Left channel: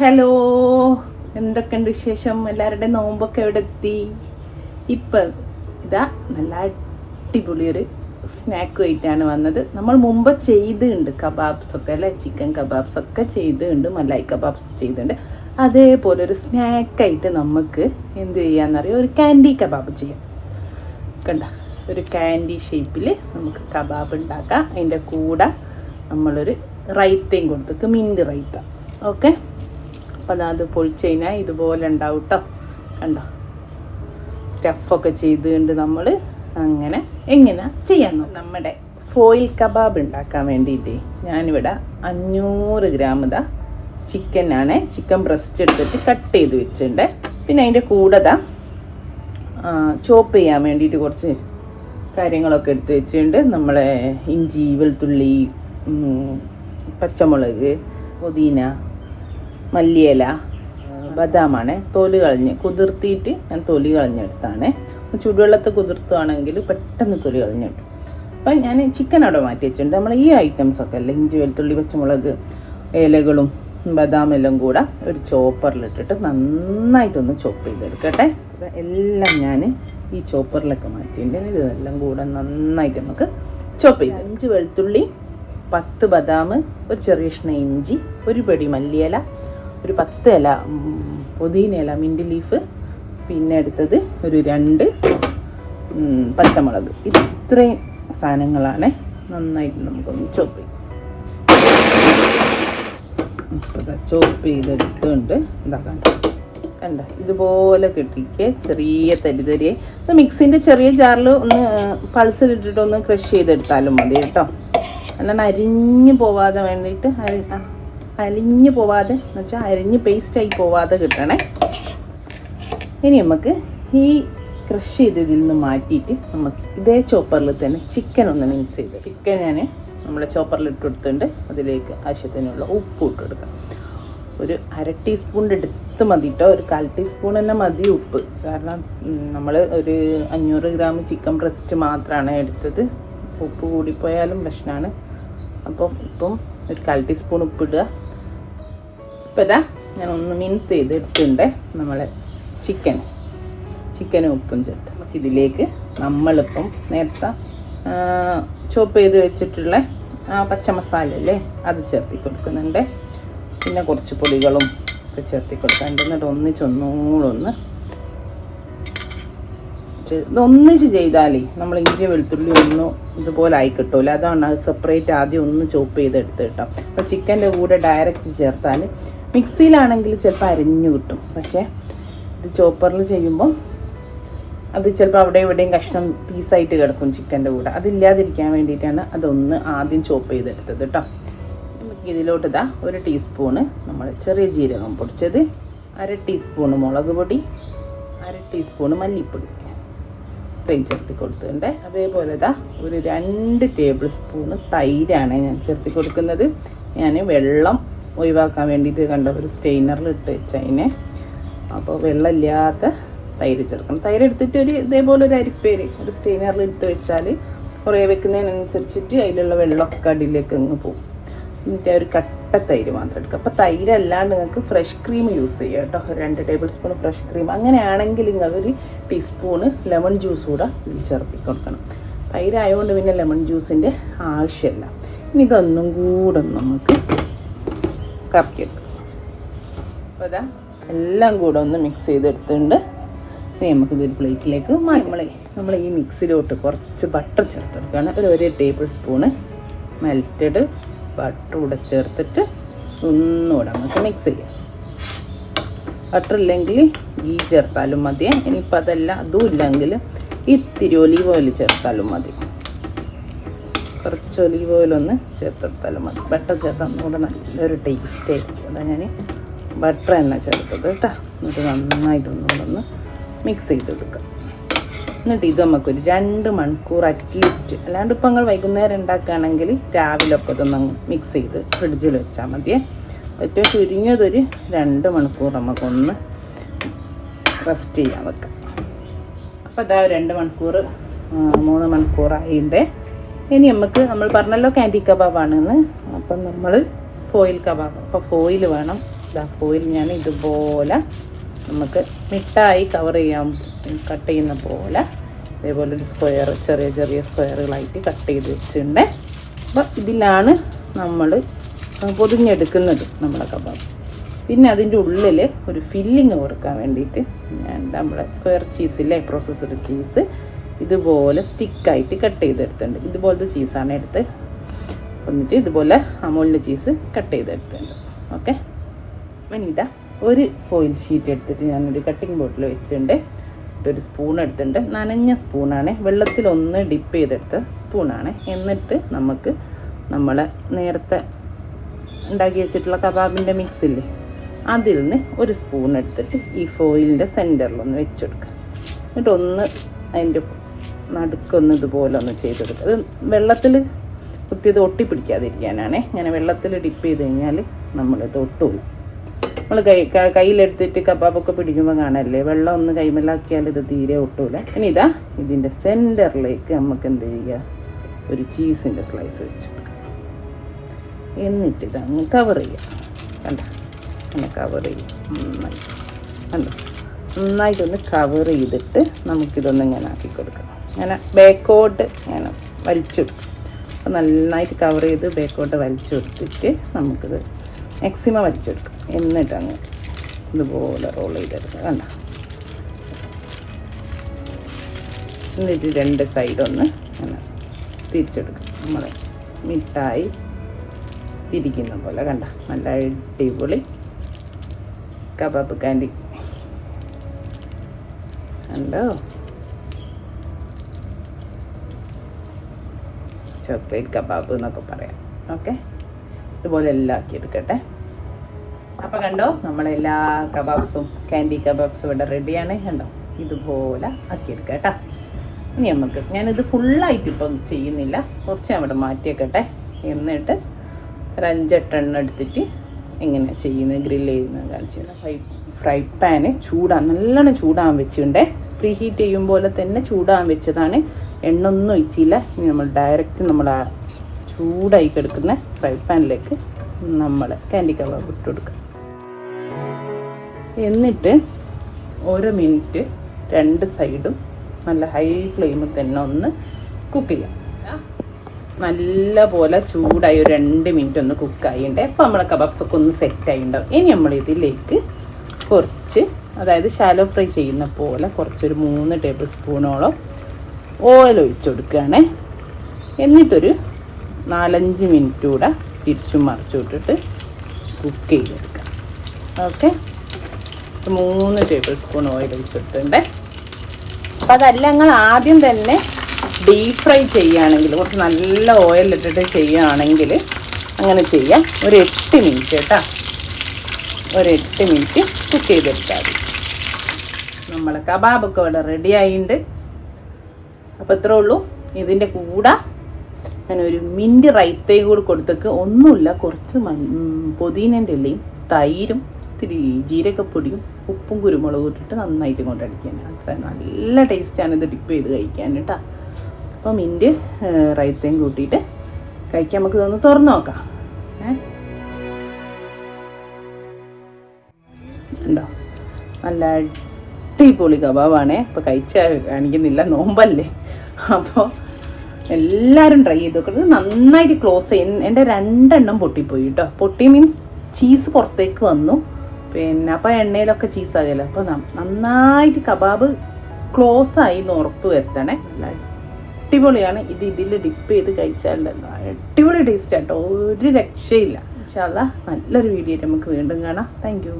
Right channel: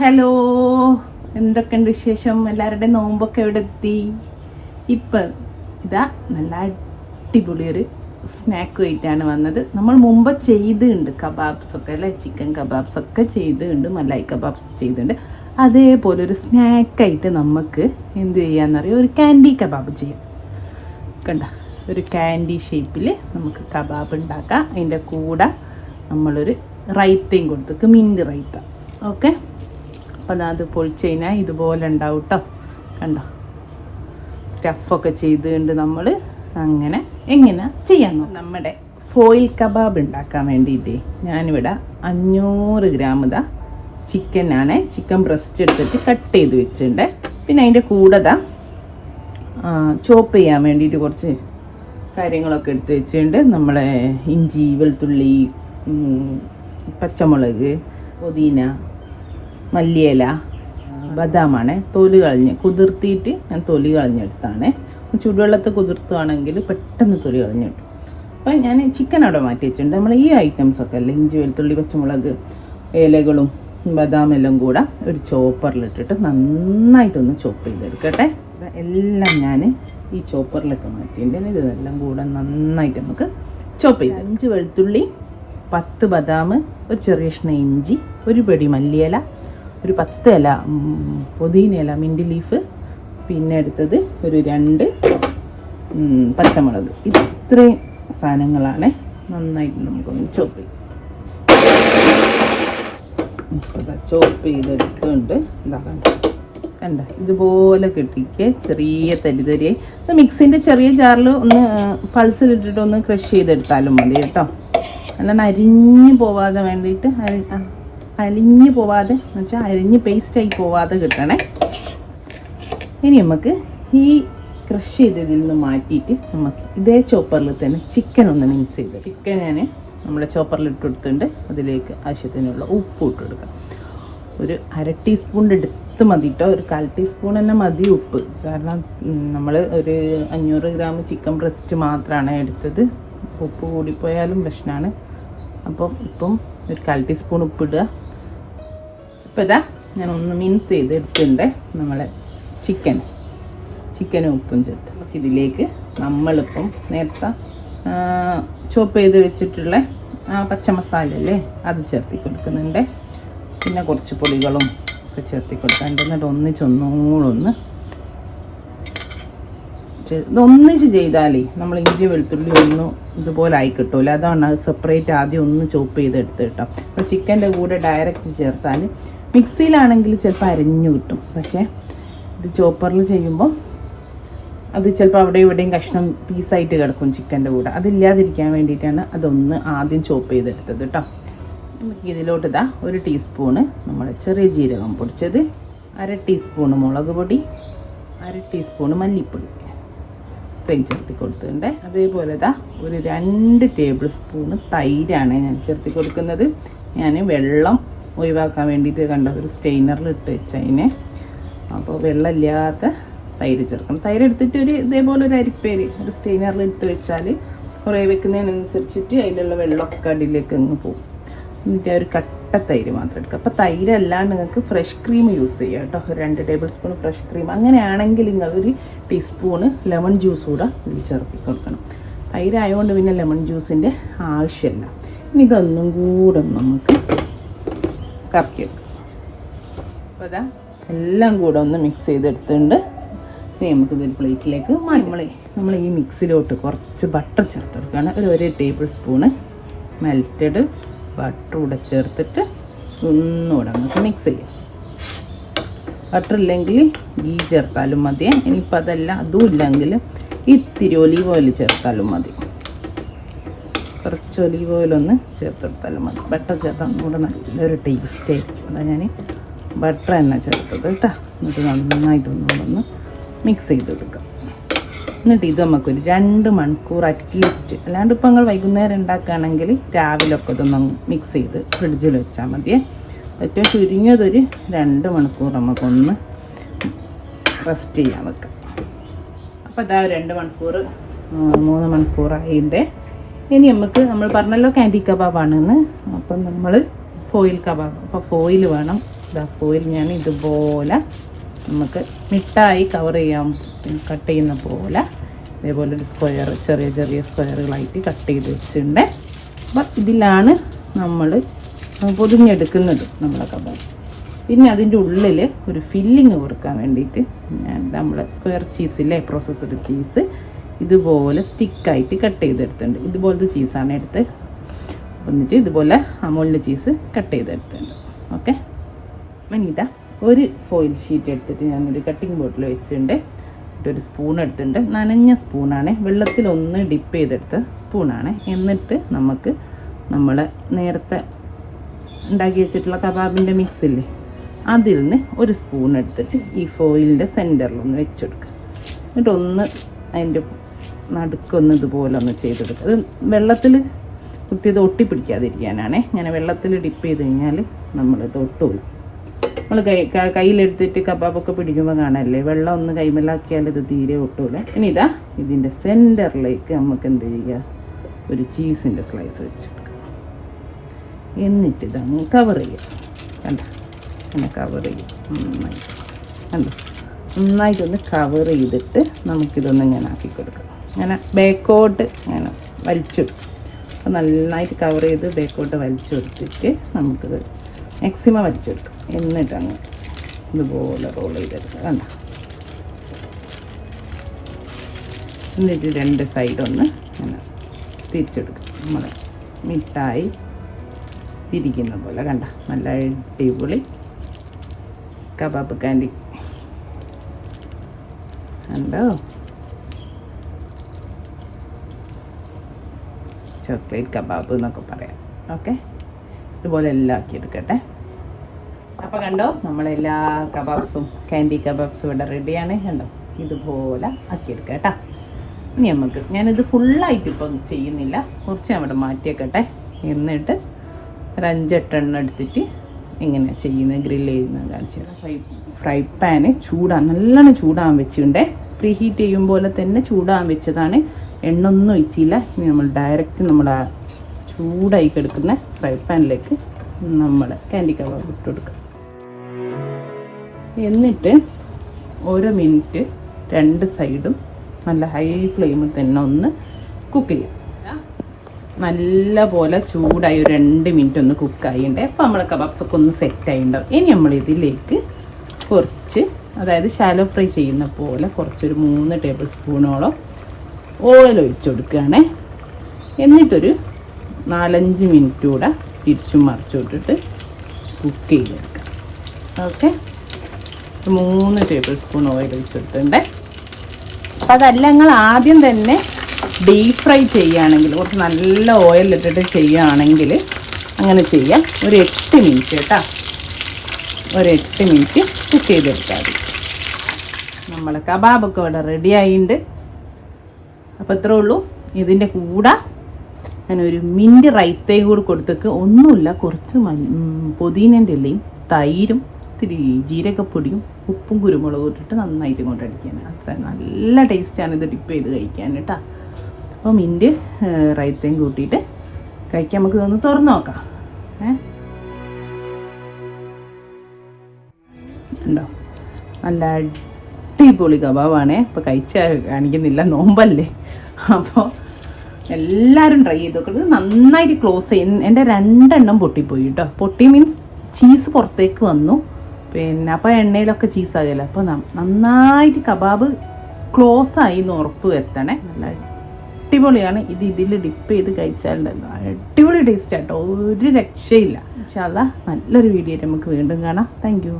Hello, എന്തൊക്കെയുണ്ട് വിശേഷം? എല്ലാവരുടെയും നോമ്പൊക്കെ എവിടെ എത്തി? ഇപ്പം ഇതാ നല്ല അടിപൊളി ഒരു സ്നാക്ക് ആയിട്ടാണ് വന്നത്. നമ്മൾ മുമ്പ് ചെയ്തിട്ടുണ്ട് കബാബ്സ് ഒക്കെ അല്ലേ, ചിക്കൻ കബാബ്സ് ഒക്കെ ചെയ്തിട്ടുണ്ട്, മലായി കബാബ്സ് ചെയ്തിട്ടുണ്ട്. അതേപോലെ ഒരു സ്നാക്കായിട്ട് നമുക്ക് എന്ത് ചെയ്യാന്നറിയോ, ഒരു ക്യാൻഡി കബാബ് ചെയ്യാം. കണ്ട, ഒരു ക്യാൻഡി ഷേപ്പിൽ നമുക്ക് കബാബ് ഉണ്ടാക്കാം. അതിൻ്റെ കൂടെ നമ്മളൊരു റൈത്തയും കൊടുത്തേക്ക്, മിൻറ്റ് റൈത്ത. ഓക്കെ, അപ്പം അത് പൊളിച്ച് കഴിഞ്ഞാൽ ഇതുപോലെ ഉണ്ടാവും കേട്ടോ. കണ്ടോ, സ്റ്റഫൊക്കെ ചെയ്തുകൊണ്ട് നമ്മൾ അങ്ങനെ എങ്ങനെ ചെയ്യാൻ. നമ്മുടെ ഫോയിൽ കബാബ് ഉണ്ടാക്കാൻ വേണ്ടിയിട്ട് ഞാനിവിടെ 500 ഗ്രാം ചിക്കനാണ്, ചിക്കൻ ബ്രസ്റ്റ് എടുത്തിട്ട് കട്ട് ചെയ്ത് വെച്ചിട്ടുണ്ട്. പിന്നെ അതിൻ്റെ കൂടെ ചോപ്പ് ചെയ്യാൻ വേണ്ടിയിട്ട് കുറച്ച് കാര്യങ്ങളൊക്കെ എടുത്ത് വെച്ചിട്ടുണ്ട്. നമ്മളെ ഇഞ്ചി, വെളുത്തുള്ളി, പച്ചമുളക്, പുതിന, മല്ലിയില, ബദാമാണ്. തൊലി കളഞ്ഞ് കുതിർത്തിയിട്ട് ഞാൻ തൊലി കളഞ്ഞെടുത്താണ്. ചുടുവെള്ളത്തിൽ കുതിർത്തുവാണെങ്കിൽ പെട്ടെന്ന് തൊലി കളഞ്ഞിട്ടു. അപ്പം ഞാൻ ചിക്കൻ അവിടെ മാറ്റി വെച്ചിട്ടുണ്ട്. നമ്മൾ ഈ ഐറ്റംസൊക്കെ അല്ലേ, ഇഞ്ചി, വെളുത്തുള്ളി, പച്ചമുളക്, ഇലകളും ബദാമെല്ലാം കൂടെ ഒരു ചോപ്പറിലിട്ടിട്ട് നന്നായിട്ടൊന്ന് ചോപ്പ് ചെയ്തെടുക്കട്ടെ. എല്ലാം ഞാൻ ഈ ചോപ്പറിലൊക്കെ മാറ്റിയിട്ടുണ്ട്. ഇതെല്ലാം കൂടെ നന്നായിട്ട് നമുക്ക് ചോപ്പ് ചെയ്ത്, 5 വെളുത്തുള്ളി, 10 ബദാം, ഒരു ചെറിയ കഷ്ണം ഇഞ്ചി, ഒരു പിടി മല്ലിയില, ഒരു 10 ഇല പുതിന ഇല, മിൻറ്റ് ലീഫ്, പിന്നെ എടുത്തത് ഒരു 2 പച്ചമുളക്. ഇത്രയും സാധനങ്ങളാണ്. നന്നായിട്ട് നമുക്കൊന്ന് ചോപ്പ് ചെയ്യും. ചോപ്പ് ചെയ്തെടുത്തുകൊണ്ട് ഇതാക്കണ്ട, കണ്ട ഇതുപോലെ കിട്ടിക്ക് ചെറിയ തരിതരിയായി. മിക്സിൻ്റെ ചെറിയ ജാറിൽ ഒന്ന് പൾസിലിട്ടിട്ട് ഒന്ന് ക്രഷ് ചെയ്തെടുത്താലും മതി കേട്ടോ. അങ്ങനെ അരിഞ്ഞു പോവാതെ വേണ്ടിയിട്ട്, അലിഞ്ഞു പോവാതെ എന്ന് വെച്ചാൽ അരിഞ്ഞ് പേസ്റ്റായി പോവാതെ കിട്ടണേ. ഇനി നമുക്ക് ഈ ക്രഷ് ചെയ്തതിൽ നിന്ന് മാറ്റിയിട്ട് നമുക്ക് ഇതേ ചോപ്പറിൽ തന്നെ ചിക്കൻ ഒന്ന് മിക്സ് ചെയ്ത്, ചിക്കൻ ഞാൻ നമ്മുടെ ചോപ്പറിൽ ഇട്ട് കൊടുത്തിട്ടുണ്ട്. അതിലേക്ക് ആവശ്യത്തിനുള്ള ഉപ്പ് ഇട്ട് കൊടുക്കാം. ഒരു 1/2 ടീസ്പൂണിൻ്റെ അടുത്ത് മതി കേട്ടോ, ഒരു 1/4 ടീസ്പൂൺ തന്നെ മതി ഉപ്പ്. കാരണം നമ്മൾ ഒരു 500 ഗ്രാം ചിക്കൻ ബ്രസ്റ്റ് മാത്രമാണ് എടുത്തത്. ഉപ്പ് കൂടിപ്പോയാലും പ്രശ്നമാണ്. അപ്പം ഇപ്പം ഒരു 1/4 ടീസ്പൂൺ ഉപ്പിടുക. ഇപ്പം ഇതാ ഞാൻ ഒന്ന് മിക്സ് ചെയ്ത് എടുത്തിട്ടുണ്ട് നമ്മൾ ചിക്കനും ഉപ്പും ചേർത്ത്. ഇതിലേക്ക് നമ്മളിപ്പം നേരത്തെ ചോപ്പ് ചെയ്ത് വെച്ചിട്ടുള്ള പച്ചമസാല അല്ലേ, അത് ചേർത്തി കൊടുക്കുന്നുണ്ട്. പിന്നെ കുറച്ച് പൊടികളും ഒക്കെ ചേർത്തി കൊടുക്കാം. എന്നിട്ട് ഒന്നിച്ചൊന്നുകൂടൊന്ന് ഒന്നിച്ച് ചെയ്താലേ നമ്മൾ ഇഞ്ചി വെളുത്തുള്ളി ഒന്നും ഇതുപോലെ ആയി കിട്ടുമല്ലോ. അതാണ് സെപ്പറേറ്റ് ആദ്യം ഒന്ന് ചോപ്പ് ചെയ്തെടുത്ത് കേട്ടോ. അപ്പോൾ ചിക്കൻ്റെ കൂടെ ഡയറക്റ്റ് ചേർത്താൽ, മിക്സിയിലാണെങ്കിൽ ചിലപ്പോൾ അരിഞ്ഞു കിട്ടും. പക്ഷേ ഇത് ചോപ്പറിൽ ചെയ്യുമ്പോൾ അത് ചിലപ്പോൾ അവിടെ ഇവിടെയും കഷ്ണം പീസായിട്ട് കിടക്കും ചിക്കൻ്റെ കൂടെ. അതില്ലാതിരിക്കാൻ വേണ്ടിയിട്ടാണ് അതൊന്ന് ആദ്യം ചോപ്പ് ചെയ്തെടുത്തത് കേട്ടോ. ഇതിലോട്ട് ഇതാ 1 ടീസ്പൂണ് നമ്മൾ ചെറിയ ജീരകം പൊടിച്ചത്, 1/2 ടീസ്പൂണ് മുളക് പൊടി, 1/2 ടീസ്പൂണ് മല്ലിപ്പൊടി തൈര് ചേർത്തി കൊടുത്തിട്ടുണ്ട്. അതേപോലെ ഇതാ ഒരു 2 ടേബിൾ സ്പൂണ് തൈരാണ് ഞാൻ ചേർത്തി കൊടുക്കുന്നത്. ഞാൻ വെള്ളം ഒഴിവാക്കാൻ വേണ്ടിയിട്ട് കണ്ട ഒരു സ്റ്റെയിനറിൽ ഇട്ട് വെച്ചതിനെ, അപ്പോൾ വെള്ളമില്ലാത്ത തൈര് ചേർക്കണം. തൈര് എടുത്തിട്ട് ഇതേപോലെ ഒരു അരിപ്പേര് ഒരു സ്റ്റെയിനറിൽ ഇട്ട് വെച്ചാൽ കുറേ വെക്കുന്നതിനനുസരിച്ചിട്ട് അതിലുള്ള വെള്ളമൊക്കെ അടിയിലേക്ക് അങ്ങ് പോകും. എന്നിട്ട് ഒരു കട്ട തൈര് മാത്രം എടുക്കുക. അപ്പോൾ തൈര് അല്ലാണ്ട് നിങ്ങൾക്ക് ഫ്രഷ് ക്രീം യൂസ് ചെയ്യുക കേട്ടോ. 2 ടേബിൾ സ്പൂൺ ഫ്രഷ് ക്രീം. അങ്ങനെയാണെങ്കിൽ നിങ്ങൾ ഒരു ടീസ്പൂണ് ലെമൺ ജ്യൂസ് കൂടെ ഇതിൽ ചേർത്തി കൊടുക്കണം. തൈരായതുകൊണ്ട് പിന്നെ ലെമൺ ജ്യൂസിൻ്റെ ആവശ്യമില്ല. ഇനി ഇതൊന്നും കൂടെ നമുക്ക് കറക്കി വെക്കാം. അപ്പോൾ അതാ എല്ലാം കൂടെ ഒന്ന് മിക്സ് ചെയ്തെടുത്തിട്ടുണ്ട്. ഇനി നമുക്കിതൊരു പ്ലേറ്റിലേക്ക് നമ്മൾ ഈ മിക്സിലോട്ട് കുറച്ച് ബട്ടർ ചേർത്ത് കൊടുക്കുകയാണ്. 1 ടേബിൾ സ്പൂണ് മെൽറ്റഡ് ബട്ടർ കൂടെ ചേർത്തിട്ട് ഒന്നുകൂടെ നമുക്ക് മിക്സ് ചെയ്യാം. ബട്ടർ ഇല്ലെങ്കിൽ ഗീ ചേർത്താലും മതി. ഇനിയിപ്പോൾ അതും ഇല്ലെങ്കിൽ ഇത്തിരി ഒലീവ് ഓയിൽ ചേർത്താലും മതി. കുറച്ച് ഒലീവ് ഓയിലൊന്ന് ചേർത്തെടുത്താലും മതി. ബട്ടർ ചേർത്താൽ കൂടെ നല്ലൊരു ടേസ്റ്റ് ആയിരിക്കും. അതാണ് ഞാൻ ബട്ടർ തന്നെ ചേർത്തത് കേട്ടോ. എന്നിട്ട് നന്നായിട്ടൊന്ന് മിക്സ് ചെയ്തെടുക്കാം. എന്നിട്ട് ഇത് നമുക്കൊരു 2 മണിക്കൂർ അറ്റ്ലീസ്റ്റ്, അല്ലാണ്ട് ഇപ്പോൾ നിങ്ങൾ വൈകുന്നേരം ഉണ്ടാക്കുകയാണെങ്കിൽ രാവിലെ ഒക്കെ ഇതൊന്ന് മിക്സ് ചെയ്ത് ഫ്രിഡ്ജിൽ വെച്ചാൽ മതിയേ. ഏറ്റവും ചുരുങ്ങിയതൊരു 2 മണിക്കൂർ നമുക്കൊന്ന് റെസ്റ്റ് ചെയ്യാൻ വെക്കാം. അപ്പോൾ അതാ 2 മണിക്കൂർ 3 മണിക്കൂറായിട്ടുണ്ട്. ഇനി നമുക്ക്, നമ്മൾ പറഞ്ഞല്ലോ ക്യാൻഡി കബാബാണെന്ന്, അപ്പം നമ്മൾ ഫോയിൽ കബാബ്, അപ്പോൾ ഫോയിൽ വേണം. ഫോയിൽ ഞാൻ ഇതുപോലെ നമുക്ക് മിഠായി കവർ ചെയ്യാൻ കട്ട് ചെയ്യുന്ന പോലെ ഇതേപോലെ ഒരു സ്ക്വയർ ചെറിയ ചെറിയ സ്ക്വയറുകളായിട്ട് കട്ട് ചെയ്ത് വെച്ചിട്ടുണ്ട്. അപ്പോൾ ഇതിലാണ് നമ്മൾ പൊതിഞ്ഞെടുക്കുന്നത് നമ്മളെ കബാബ്. പിന്നെ അതിൻ്റെ ഉള്ളിൽ ഒരു ഫില്ലിങ് കൊടുക്കാൻ വേണ്ടിയിട്ട് ഞാൻ നമ്മുടെ സ്ക്വയർ ചീസില്ലേ, പ്രോസസ്ഡ് ചീസ് ഇതുപോലെ സ്റ്റിക്കായിട്ട് കട്ട് ചെയ്തെടുത്തിട്ടുണ്ട്. ഇതുപോലത്തെ ചീസാണ് എടുത്ത് എന്നിട്ട് ഇതുപോലെ അമൂലിൻ്റെ ചീസ് കട്ട് ചെയ്തെടുത്തിട്ടുണ്ട്. ഓക്കെ, അപ്പം ഇതാ ഒരു ഫോയിൽ ഷീറ്റ് എടുത്തിട്ട് ഞാനൊരു കട്ടിങ് ബോർഡിൽ വെച്ചിട്ടുണ്ട്. ഒരു സ്പൂൺ എടുത്തിട്ടുണ്ട്, നനഞ്ഞ സ്പൂണാണ്, വെള്ളത്തിലൊന്ന് ഡിപ്പ് ചെയ്തെടുത്ത സ്പൂണാണ്. എന്നിട്ട് നമുക്ക് നമ്മൾ നേരത്തെ ഉണ്ടാക്കി വെച്ചിട്ടുള്ള കബാബിൻ്റെ മിക്സ് ഇല്ലേ, അതിൽ നിന്ന് ഒരു സ്പൂൺ എടുത്തിട്ട് ഈ ഫോയിലിൻ്റെ സെൻറ്ററിലൊന്ന് വെച്ചെടുക്കുക. എന്നിട്ട് ഒന്ന് അതിൻ്റെ നടുക്കൊന്ന് ഇതുപോലെ ഒന്ന് ചെയ്തെടുക്കുക. അത് വെള്ളത്തിൽ കുത്തിയത് ഒട്ടിപ്പിടിക്കാതിരിക്കാനാണ്. ഞാൻ വെള്ളത്തിൽ ഡിപ്പ് ചെയ്ത് കഴിഞ്ഞാൽ നമ്മളിത് ഒട്ടുപോകും. നമ്മൾ കയ്യിലെടുത്തിട്ട് കബാബൊക്കെ പിടിക്കുമ്പോൾ കാണല്ലേ, വെള്ളം ഒന്ന് കൈമലാക്കിയാൽ ഇത് തീരെ ഒട്ടൂല. ഇനി ഇതാ ഇതിൻ്റെ സെൻറ്ററിലേക്ക് നമുക്ക് എന്ത് ചെയ്യുക, ഒരു ചീസിൻ്റെ സ്ലൈസ് വെച്ചെടുക്കുക. എന്നിട്ട് ഇതങ്ങ് കവർ ചെയ്യുക. കണ്ട, കവർ ചെയ്യും നന്നായി. കണ്ടോ, നന്നായിട്ടൊന്ന് കവർ ചെയ്തിട്ട് നമുക്കിതൊന്ന് ഇങ്ങനെ ആക്കി കൊടുക്കാം. ഇങ്ങനെ ബാക്കോട്ട് ഇങ്ങനെ വലിച്ചെടുക്കും. അപ്പോൾ നന്നായിട്ട് കവർ ചെയ്ത് ബാക്കോട്ട് വലിച്ചെടുത്തിട്ട് നമുക്കിത് മാക്സിമം വലിച്ചെടുക്കും. എന്നിട്ടാണ് ഇതുപോലെ റോൾ ചെയ്തെടുക്കുക. കണ്ടോ, എന്നിട്ട് രണ്ട് സൈഡൊന്ന് തിരിച്ചെടുക്കും. നമ്മൾ മിഠായി തിരിക്കുന്ന പോലെ. കണ്ട, നല്ല അടിപൊളി കബാബ് കാൻഡി കണ്ടോ, ചോക്ലേറ്റ് കബാബ് എന്നൊക്കെ പറയാം. ഓക്കെ, ഇതുപോലെ എല്ലാം ആക്കിയെടുക്കട്ടെ. അപ്പോൾ കണ്ടോ, നമ്മളെല്ലാ കബാബ്സും കാൻഡി കബാബ്സും ഇവിടെ റെഡിയാണ്. കണ്ടോ, ഇതുപോലെ ആക്കിയെടുക്കുക കേട്ടോ. ഇനി നമുക്ക് ഞാനിത് ഫുള്ളായിട്ട് ഇപ്പം ചെയ്യുന്നില്ല, കുറച്ച് അവിടെ മാറ്റിയേക്കട്ടെ. എന്നിട്ട് ഒരു 5-8 എണ്ണം എടുത്തിട്ട് ഇങ്ങനെ ചെയ്യുന്നത് ഗ്രില്ല് ചെയ്യുന്നത് കാണിച്ചു. ഫ്രൈ പാന് നല്ലോണം ചൂടാൻ വെച്ചിട്ടുണ്ടേ. പ്രീ ഹീറ്റ് ചെയ്യും പോലെ തന്നെ ചൂടാൻ വെച്ചതാണ്, എണ്ണ ഒന്നും ഒഴിച്ചില്ല. ഇനി നമ്മൾ ഡയറക്റ്റ് നമ്മൾ ആ ചൂടായി കിടക്കുന്ന ഫ്രൈ പാനിലേക്ക് നമ്മൾ കാൻഡി കബാബ് ഇട്ട് കൊടുക്കുക. എന്നിട്ട് 1 മിനിറ്റ് 2 സൈഡും നല്ല ഹൈ ഫ്ലെയിമിൽ തന്നെ ഒന്ന് കുക്ക് ചെയ്യും. നല്ല പോലെ ചൂടായി ഒരു 2 മിനിറ്റ് ഒന്ന് കുക്കായിട്ടുണ്ട്. അപ്പോൾ നമ്മളെ കബാബ്സൊക്കെ ഒന്ന് സെറ്റായിട്ടുണ്ടാവും. ഇനി നമ്മൾ ഇതിലേക്ക് കുറച്ച്, അതായത് ഷാലോ ഫ്രൈ ചെയ്യുന്ന പോലെ കുറച്ചൊരു 3 ടേബിൾ സ്പൂണോളം ഓയിൽ ഒഴിച്ചു കൊടുക്കുകയാണ്. എന്നിട്ടൊരു 4-5 മിനിറ്റ് കൂടെ തിരിച്ചും മറിച്ചു വിട്ടിട്ട് കുക്ക് ചെയ്തെടുക്കുക. ഓക്കെ, 3 ടേബിൾ സ്പൂൺ ഓയിൽ ഒഴിച്ചിട്ടുണ്ട്. അപ്പം അതല്ല നിങ്ങൾ ആദ്യം തന്നെ ഡീപ് ഫ്രൈ ചെയ്യുകയാണെങ്കിൽ, കുറച്ച് നല്ല ഓയിലിട്ടിട്ട് ചെയ്യുകയാണെങ്കിൽ അങ്ങനെ ചെയ്യാം. ഒരു 8 മിനിറ്റ് കേട്ടോ, ഒരു 8 മിനിറ്റ് കുക്ക് ചെയ്തെടുത്താൽ മതി. നമ്മുടെ കബാബൊക്കെ ഇവിടെ റെഡി ആയിട്ടുണ്ട്. അപ്പോൾ ഇത്രേ ഉള്ളൂ. ഇതിൻ്റെ കൂടെ ഞാനൊരു മിൻറ്റ് റൈത്തയും കൂടി കൊടുത്തേക്ക്. ഒന്നുമില്ല, കുറച്ച് പുതിനേൻ്റെ ഇലയും തൈരും ഇത്തിരി ജീരകപ്പൊടിയും ഉപ്പും കുരുമുളകും ഇട്ടിട്ട് നന്നായിട്ട് കൊണ്ടടിക്കാൻ. അത്ര നല്ല ടേസ്റ്റാണ് ഇത് ഡിപ്പ് ചെയ്ത് കഴിക്കാൻ കേട്ടോ. അപ്പോൾ മിൻറ്റ് റൈത്തയും കൂട്ടിയിട്ട് കഴിക്കാൻ നമുക്ക് ഇതൊന്ന് തുറന്ന് നോക്കാം. ഉണ്ടോ, നല്ല അടിപൊളി കബാബാണേ. ഇപ്പോൾ കഴിച്ചാൽ കാണിക്കുന്നില്ല, നോമ്പല്ലേ. അപ്പോൾ എല്ലാവരും ട്രൈ ചെയ്ത് നോക്കുന്നത്. നന്നായിട്ട് ക്ലോസ് ചെയ്യും. എൻ്റെ 2 എണ്ണം പൊട്ടിപ്പോയി കേട്ടോ. പൊട്ടി മീൻസ് ചീസ് പുറത്തേക്ക് വന്നു. പിന്നെ അപ്പോൾ എണ്ണയിലൊക്കെ ചീസ് ആകില്ല. അപ്പോൾ നന്നായിട്ട് കബാബ് ക്ലോസ് ആയി എന്ന് ഉറപ്പ് വരുത്തണേ. അടിപൊളിയാണ്. ഇതിൽ ഡിപ്പ് ചെയ്ത് കഴിച്ചാൽ അടിപൊളി ടേസ്റ്റ് ആട്ടോ, ഒരു രക്ഷയില്ല. ഇൻഷാ അല്ലാഹ് നല്ലൊരു വീഡിയോ നമുക്ക് വീണ്ടും കാണാം. Thank you.